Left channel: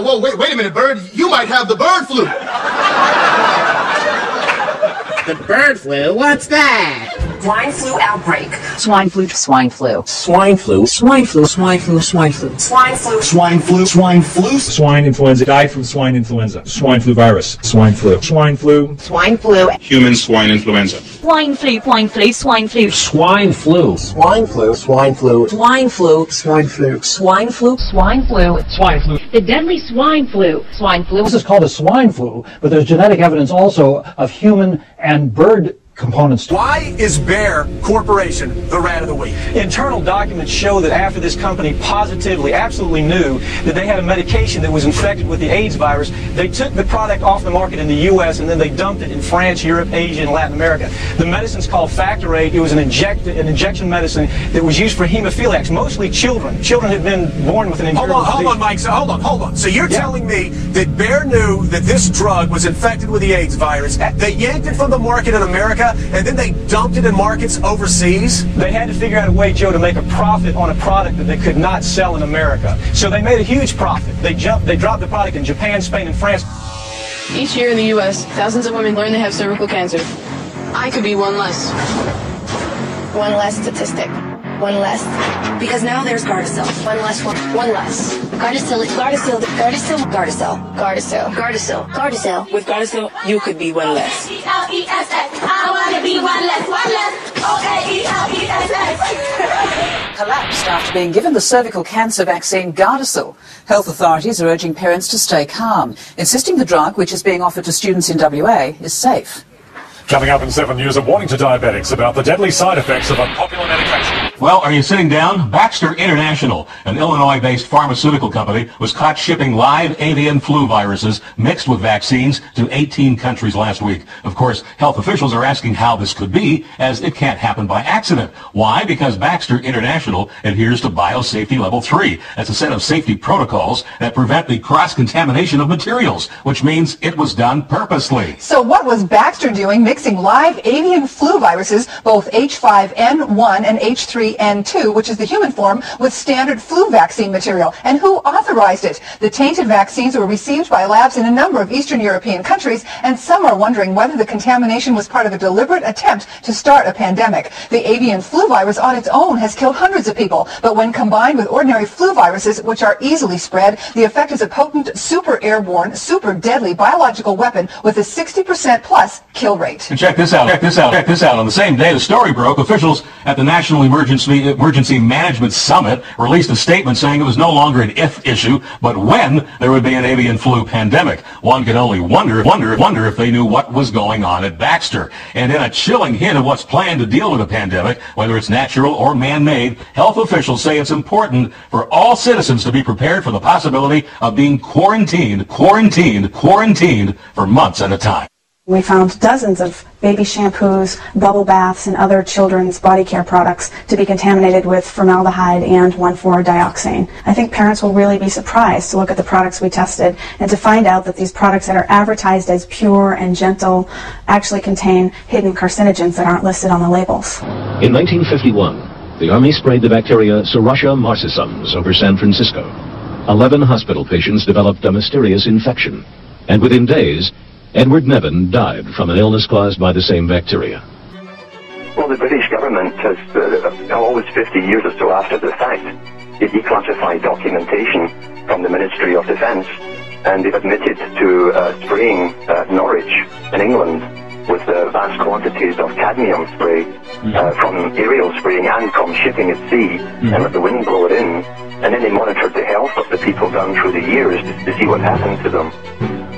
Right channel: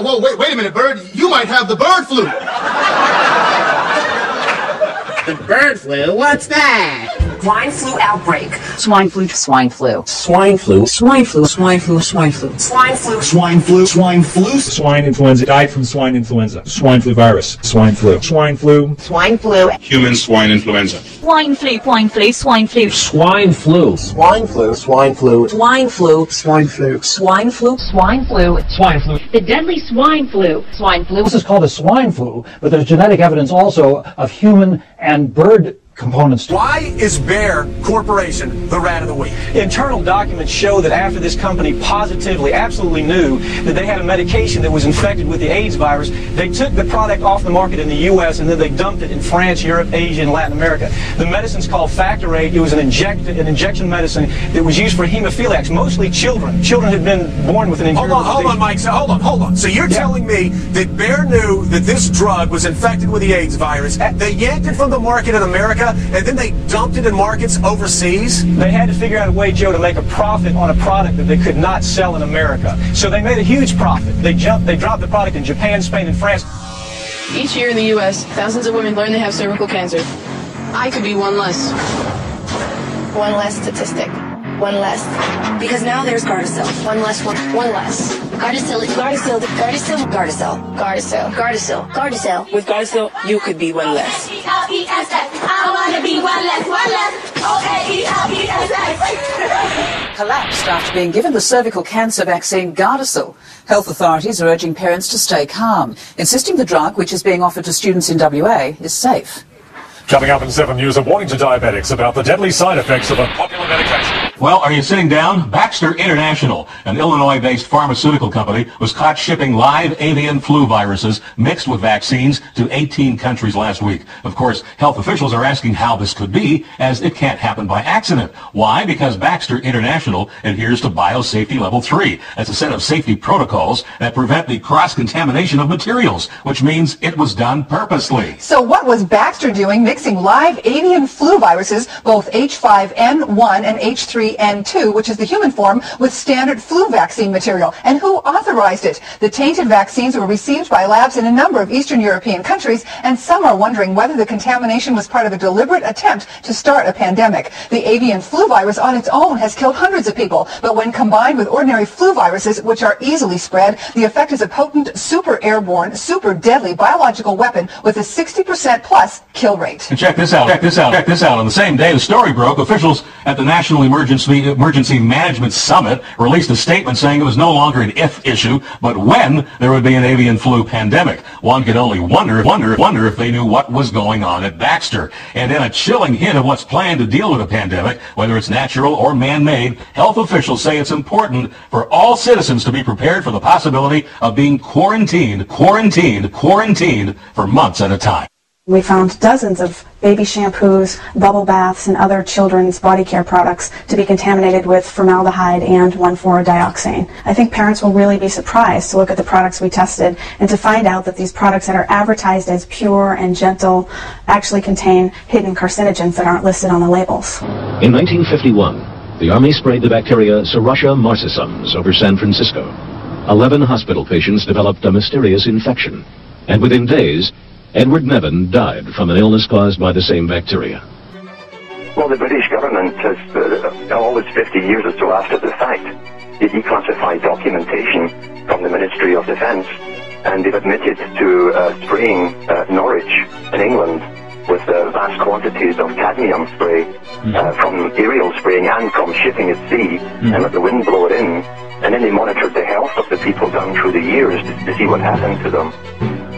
whoa, wait a minute, Bird. You might have the bird flu. The bird flu? What's that? Swine flu outbreak. Swine flu. Swine flu. Swine flu. Swine flu. Swine flu. Swine flu. Swine flu. Swine flu. Swine flu. Swine influenza. Died from swine influenza. Swine flu virus. Swine flu. Swine flu. Swine flu. Human swine influenza. Swine flu. Swine flu. Swine flu. Swine flu. Swine flu. Swine flu. Swine flu. Swine flu. Swine flu. Swine flu. Swine flu. The deadly swine flu. Swine flu. This is called a swine flu, but there's genetic evidence also of human and bird components. Why is Bayer Corporation the rat of the week? Internal documents show that after this company positively, absolutely knew that they had a medication that was infected with the AIDS virus, they took the product off the market in the U.S. and then they dumped it in France, Europe, Asia, and Latin America. The medicine's called Factor 8. It was an injection medicine that was used for hemophiliacs, mostly children. Children had been born with an incurable disease. Hold on, Mike. So, hold on. So you're telling me that Bayer knew that this drug was infected with the AIDS virus, they yanked it from the market in America, and then they dumped it in markets overseas? They had to figure out a way, Joe, to make a profit on a product that they could not sell in America. So they made a huge profit. They dropped the product in Japan, Spain, and France. Each year in the U.S., thousands of women learn they have cervical cancer. I could be one less. One less statistic. One less. Because now there's Gardasil. One less. One less. Gardasil. Gardasil. Gardasil. Gardasil. Gardasil. Gardasil. Gardasil. With Gardasil, you could be one less. I want to be one less. One less. O-A-E-L-E-S-S. Collapsed after being given the cervical cancer vaccine Gardasil. Health authorities are urging parents to stay calm, insisting the drug, which is being offered to students in WA, is safe. Coming up in 7 News, a warning to diabetics about the deadly side effects of a popular medication. Well, are you sitting down? Baxter International, an Illinois-based pharmaceutical company, was caught shipping live avian flu viruses mixed with vaccines to 18 countries last week. Of course, health officials are asking how this could be, as it can't happen by accident. Why? Because Baxter International adheres to Biosafety Level 3. That's a set of safety protocols that prevent the cross-contamination of materials, which means it was done purposely. So what was Baxter doing mixing live avian flu viruses, both H5N1 and H3N2, which is the human form, with standard flu vaccine material? And who authorized it? The tainted vaccines were received by labs in a number of Eastern European countries, and some are wondering whether the contamination was part of a deliberate attempt to start a pandemic. The avian flu virus on its own has killed hundreds of people, but when combined with ordinary flu viruses, which are easily spread, the effect is a potent, super airborne, super deadly biological weapon with a 60% plus kill rate. And check this out. On the same day the story broke, officials at the National Emergency Management Summit released a statement saying it was no longer an if issue, but when there would be an avian flu pandemic. One could only wonder if they knew what was going on at Baxter. And in a chilling hint of what's planned to deal with a pandemic, whether it's natural or man-made, health officials say it's important for all citizens to be prepared for the possibility of being quarantined for months at a time. We found dozens of baby shampoos, bubble baths, and other children's body care products to be contaminated with formaldehyde and 1,4-dioxane. I think parents will really be surprised to look at the products we tested and to find out that these products that are advertised as pure and gentle actually contain hidden carcinogens that aren't listed on the labels. In 1951, the Army sprayed the bacteria Serratia marcescens over San Francisco. 11 hospital patients developed a mysterious infection, and within days, Edward Nevin died from an illness caused by the same bacteria. Well, the British government has always 50 years or so after the fact declassified documentation from the Ministry of Defence, and they've admitted to spraying Norwich in England with vast quantities of cadmium spray from aerial spraying and from shipping at sea, and let the wind blow it in. And then they monitored the health of the people down through the years to see what happened to them.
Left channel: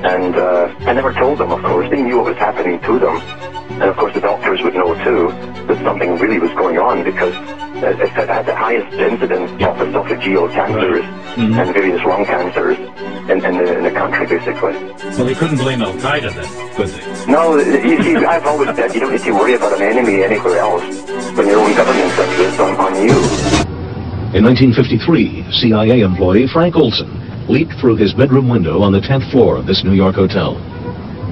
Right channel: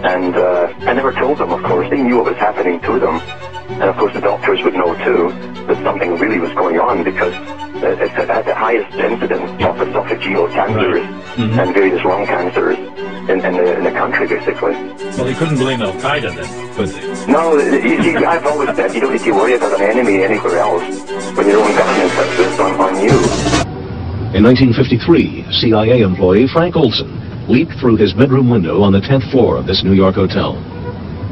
And I never told them, of course. They knew what was happening to them. And of course the doctors would know too that something really was going on, because it had the highest incidence of esophageal cancers and various lung cancers in the country, basically. Well, they couldn't blame Al-Qaeda then, could they? No, you see, I've always said you don't need to worry about an enemy anywhere else when your own government sets this on you. In 1953, CIA employee Frank Olson leaped through his bedroom window on the 10th floor of this New York hotel.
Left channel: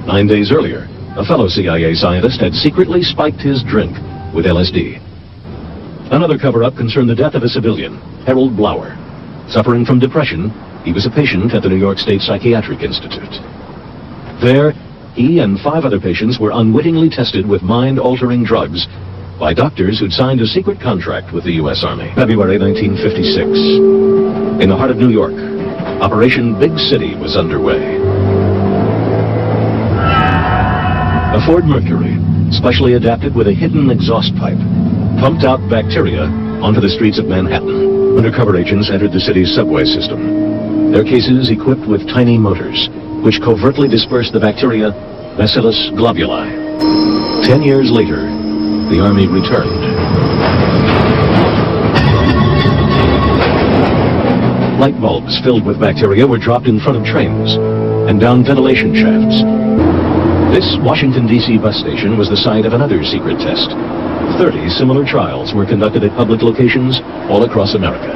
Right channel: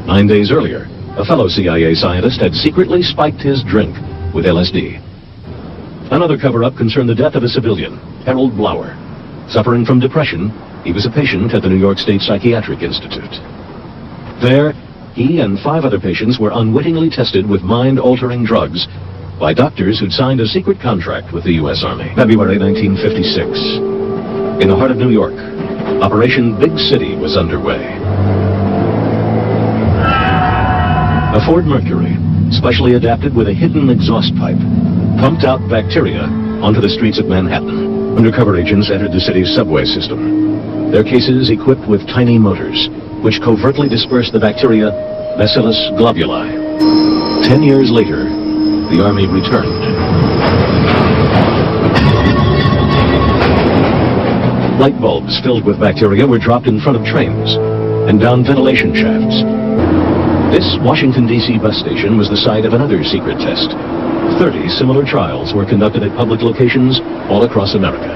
9 days earlier, a fellow CIA scientist had secretly spiked his drink with LSD. Another cover-up concerned the death of a civilian, Harold Blower. Suffering from depression, he was a patient at the New York State Psychiatric Institute. There, he and 5 other patients were unwittingly tested with mind-altering drugs by doctors who'd signed a secret contract with the U.S. Army. February 1956. In the heart of New York, Operation Big City was underway. A Ford Mercury, specially adapted with a hidden exhaust pipe, pumped out bacteria onto the streets of Manhattan. Undercover agents entered the city's subway system, their cases equipped with tiny motors, which covertly dispersed the bacteria Bacillus globuli. 10 years later, the Army returned. Light bulbs filled with bacteria were dropped in front of trains and down ventilation shafts. This Washington, D.C. bus station was the site of another secret test. 30 similar trials were conducted at public locations all across America.